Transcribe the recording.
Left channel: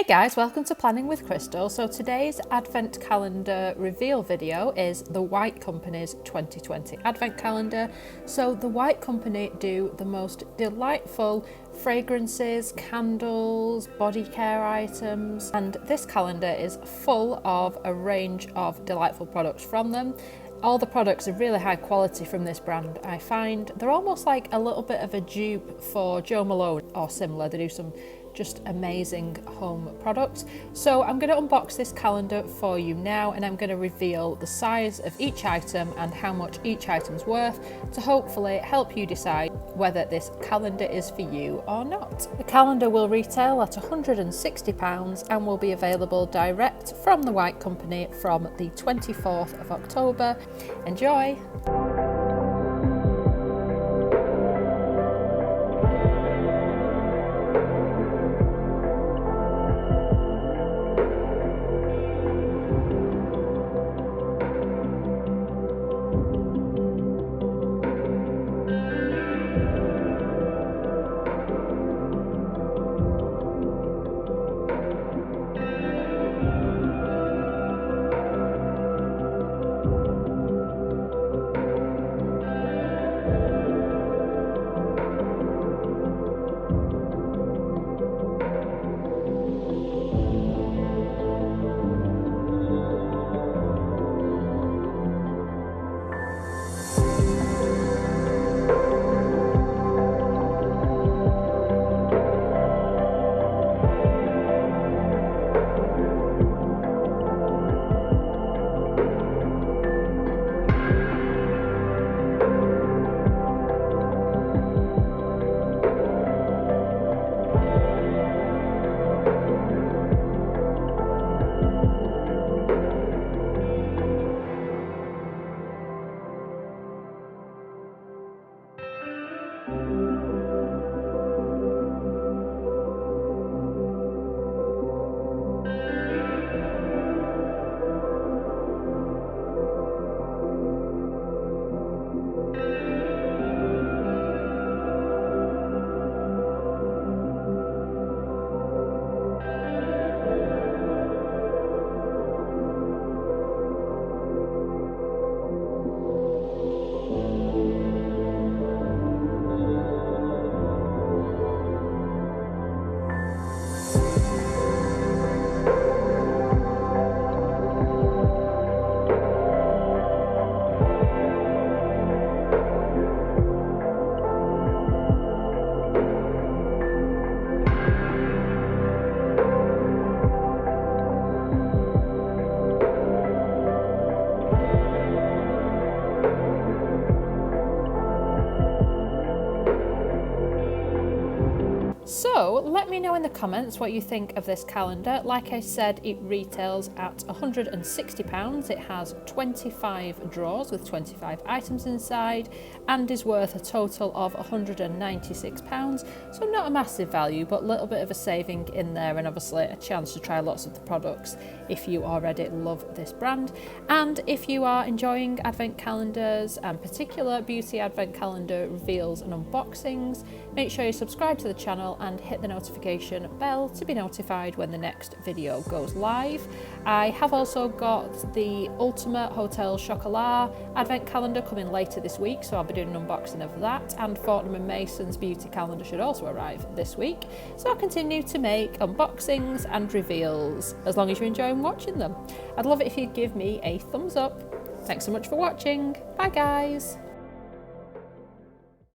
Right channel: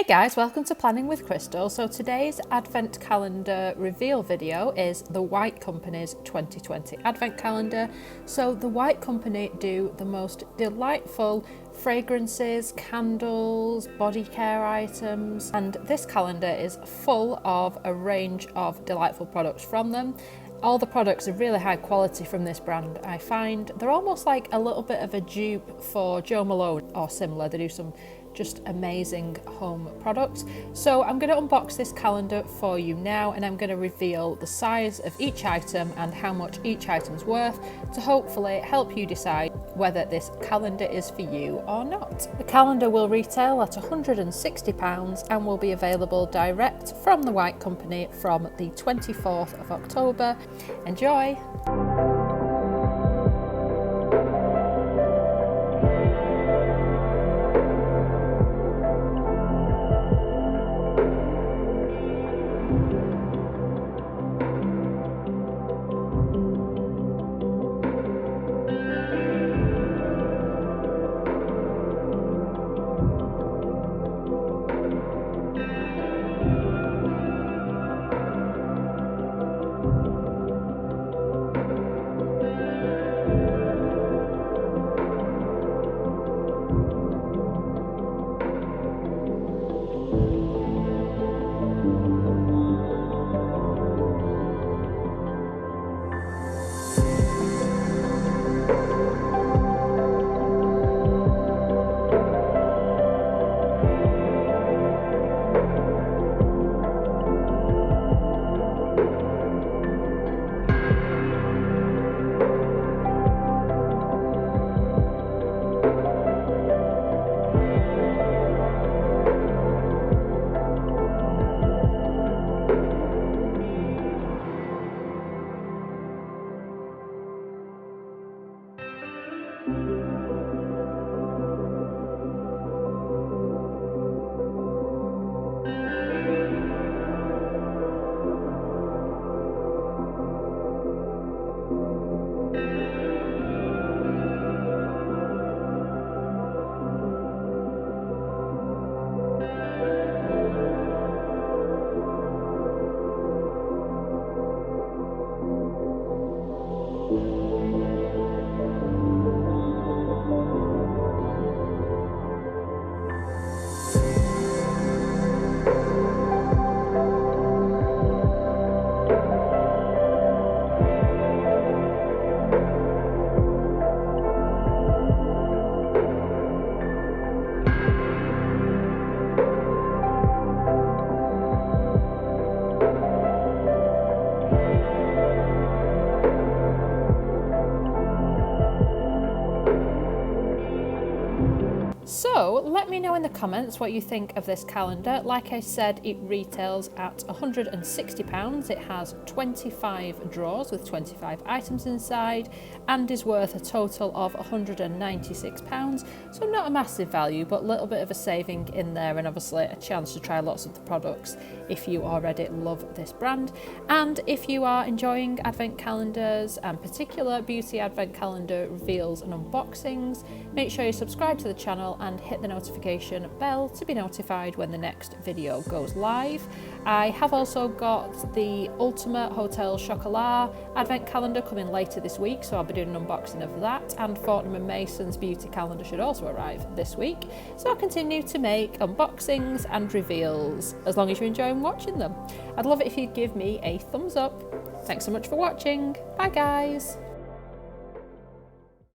Hey guys, welcome to Planning with Crystal. So today's Advent Calendar reveal video is the White Company's 2020 Advent Calendar. So the White Company do the most delightful fragrances, candles, body care items, and this calendar is full of a range of delightful products from them. All the products are really high quality from this brand. I find they're almost like a little bit of a dupe for Jo Malone or similar. They do some just amazing home products. So I'm going to unbox this calendar for you now, and I'm going to reveal the size of each item and how much each item's worth to hopefully help you decide whether this calendar is for you or not. The calendar will retail at £160 and will be available direct from the White Company from the 24th of October. Enjoy! So let me know in the comments what you think of this calendar. Like I said, it retails at £160. It has 25 drawers with 25 items inside and is worth a total of £196. So not a massive value, but a little bit of a saving in there, and obviously a chance to try lots of the products if you already love this brand. And if you are enjoying advent calendars and particular beauty advent calendar reveals and unboxings, make sure you subscribe to the channel and hit the notification bell to be notified when the next video goes live. I have also got the Ultimate Hotel Chocolat advent calendar coming later this week, so I'll be doing an unboxing of that, and Fortnum & Mason's beauty calendar should also arrive this week. So I'll continue to make unboxings and reveals as long as you're enjoying watching them. I'd love it if you'd give me a thumbs up. Thanks so much for watching. Bye guys.